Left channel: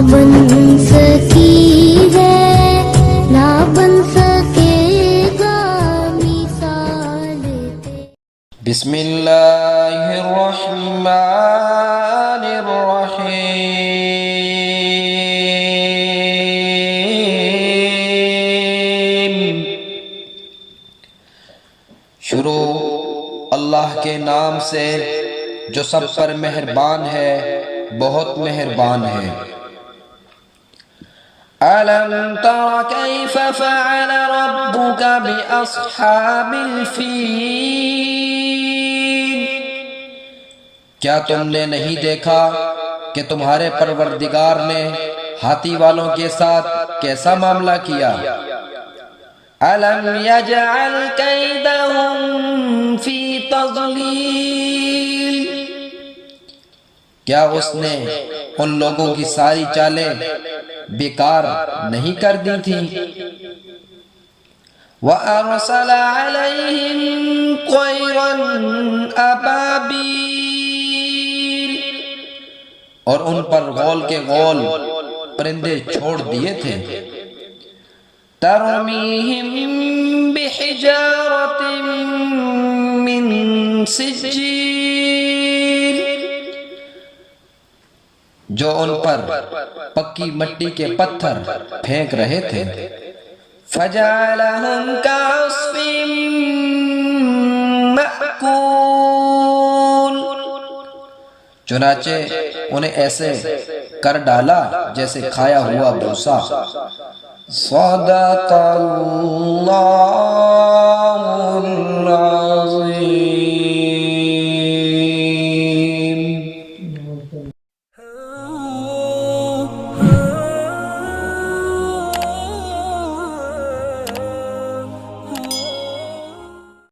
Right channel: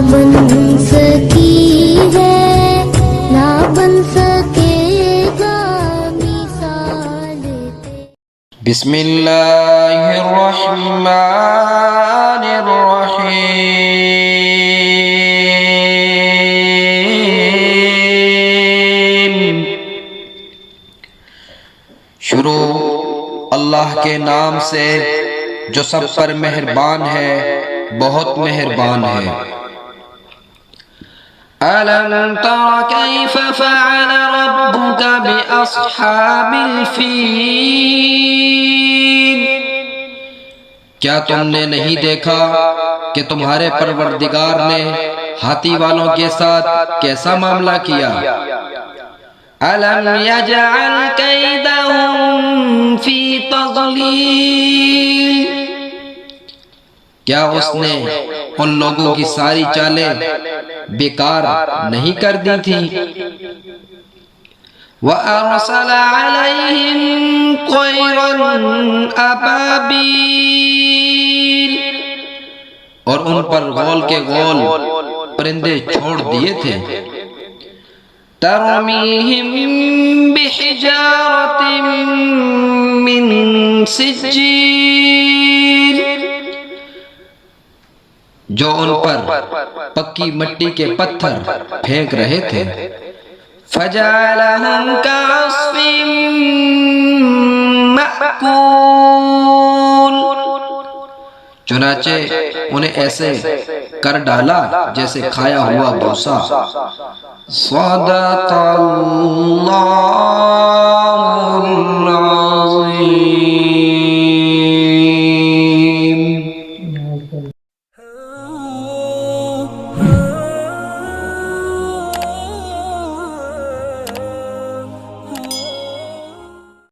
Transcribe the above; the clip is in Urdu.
بن سکی ہے نہ بن سکے گا مثال تیری۔ بسم اللہ الرحمن الرحیم۔ شروع اللہ کے نام سے جو سب پر مہربان ہے، بہت مہربان ہے۔ أَلَمْ تَرَ كَيْفَ فَعَلَ رَبُّكَ بِأَصْحَابِ الْفِيلِ؟ کیا تم نے نہیں دیکھا کہ تمہارے پروردگار نے ہاتھی والوں کے ساتھ کیسا معاملہ کیا؟ أَلَمْ يَجْعَلْ كَيْدَهُمْ فِي تَضْلِيلٍ؟ کیا اس نے ان لوگوں کی ساری چالیں بیکار نہیں کر دی تھی؟ وَأَرْسَلَ عَلَيْهِمْ طَيْرًا أَبَابِيلَ، اور ان پر غول کے غول پرندے چھوڑ دیے تھے۔ تَرْمِيهِمْ بِحِجَارَةٍ مِّن سِجِّيلٍ، جو ان پر پکی مٹی کے پتھر پھینک رہے تھے۔ فَجَعَلَهُمْ كَعَصْفٍ مَأْكُولٍ، چنانچہ انہیں ایسے کر ڈالا جیسے کھایا ہوا بھوسا۔ صدق اللہ العظیم۔